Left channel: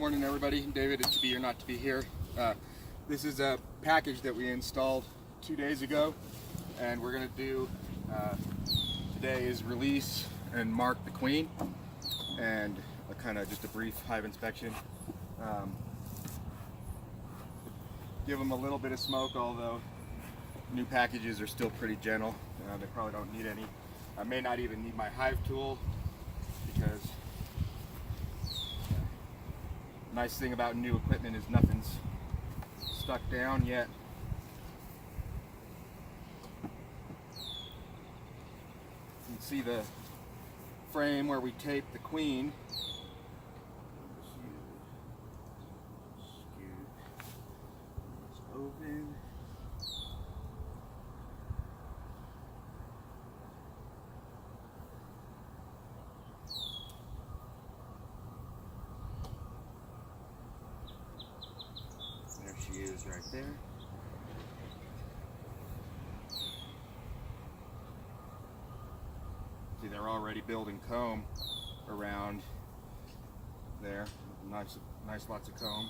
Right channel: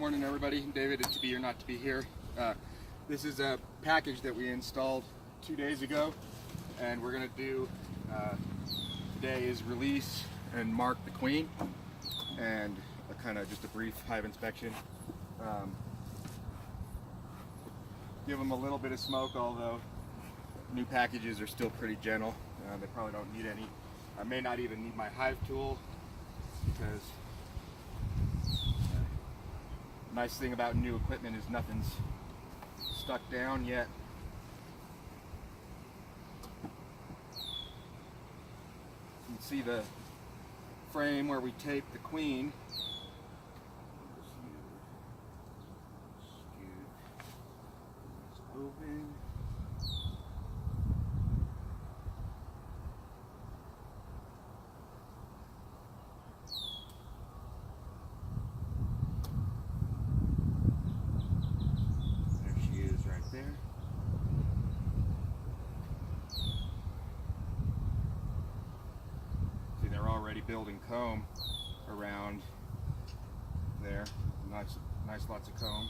Morning everybody, David is to be or not to be here. This is a package that we installed 2 days ago, and we're going to do today is release and mark the queen, and a kind of just a brief hive inspection. Give them a little bit of smoke, although new packages are still pretty gentle. They probably don't need any. I may not even need my hive tool, because nice thing about new equipment is nothing's stuck down yet. You can see the frame where we taped the queen. Open. There she is right there. See, they're already building comb around there. Nice lots of comb.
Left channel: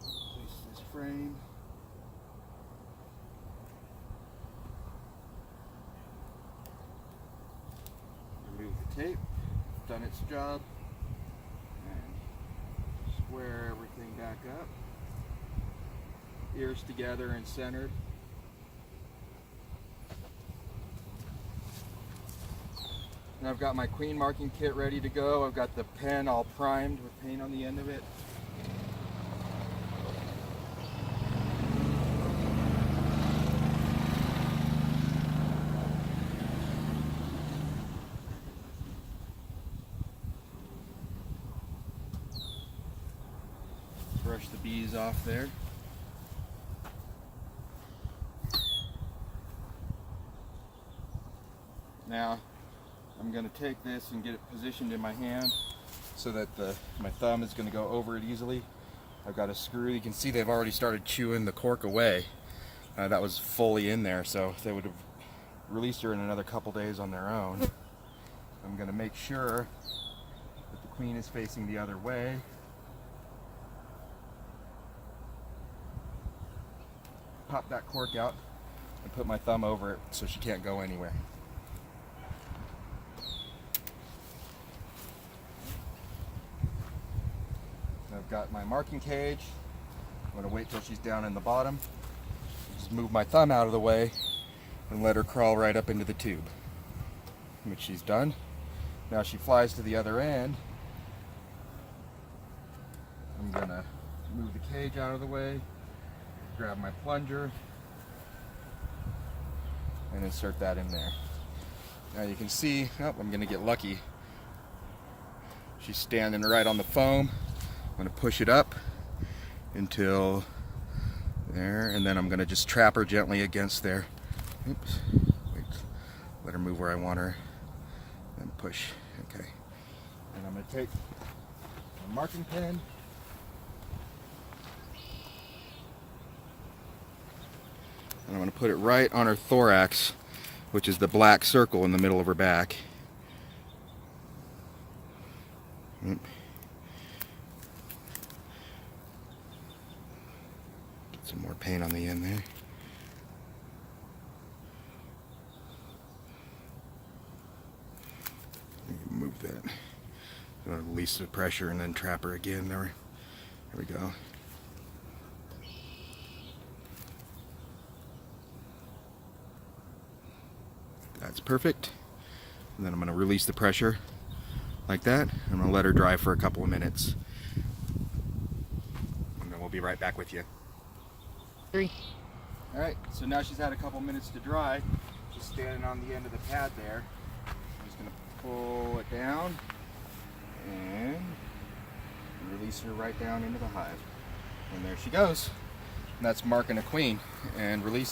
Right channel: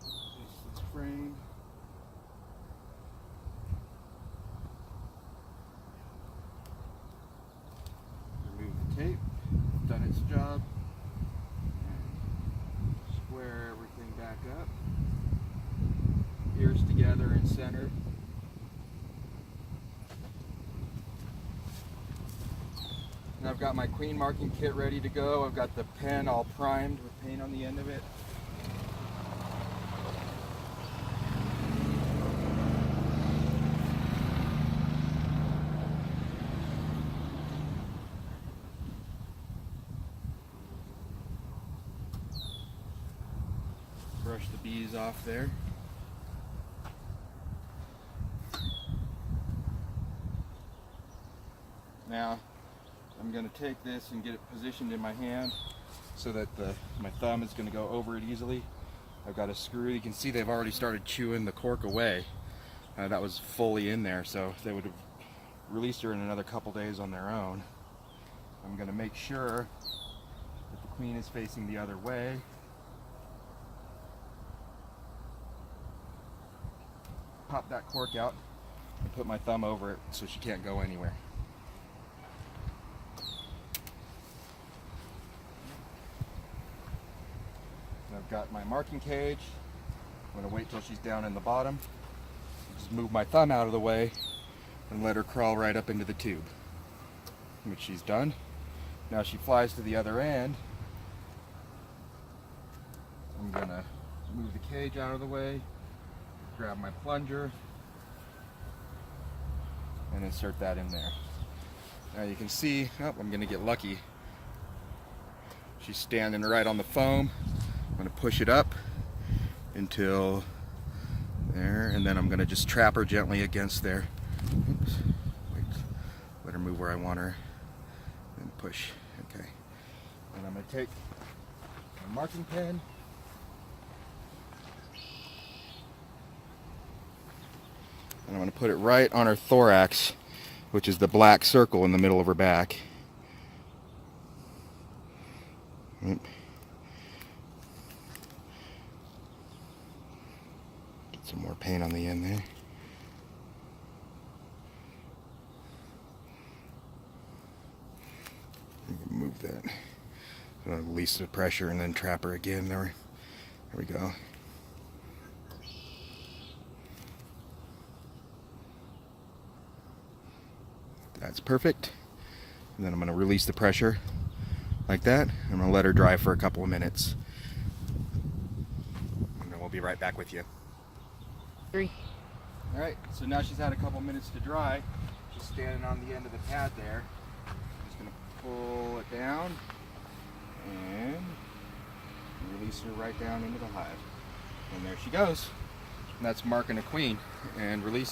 This frame. Remove the tape. Done its job. And square everything back up. Ears together and centered. And I've got my queen marking kit ready to go. I've got the pen all primed with paint on the end of it. Brush the bees off there. Now I'm going to take this and get it positioned in my hand so that my thumb is going to go over it easily. I've got a screw. You can see they've already started chewing the cork away. That was fully in there, so they would have released her in another couple days on their own. I'm going to make sure that the queen is facing the other way. Pop that cork out and put my thumb over it so she can't go anywhere. I've got my marking cage. I'm going to wait till she's down in the bottom. Just move my thumb out of the way and let her crawl right up into the tube. Which she's done. Now she flies to the other end. I'm going to move the cage out of the way, grab my plunger, and insert that in there. Now you can see, I'm going to get lucky. She's standing right on the foam. I'm going to push it up until there, and then I'm going to just trap her gently against there. Oops. Wait, let her move where I want her, and push. Okay. And I'm going to take my marking pen, and I'm going to put it right on her thorax, which is the black circle in the middle of her back. Get some more paint on the end there. Move that. Release the pressure and then trap her again. There we go. That's perfect. And then I'm going to release the pressure like that. I'm going to let her dry for a couple of minutes. And then we'll be right back with you. 3. Alright, so now she's had a couple minutes to dry. She's standing on the end of the pad there. I'm just going to pull it down and release her right down into the hive. And there she goes. And that's marking a queen and release.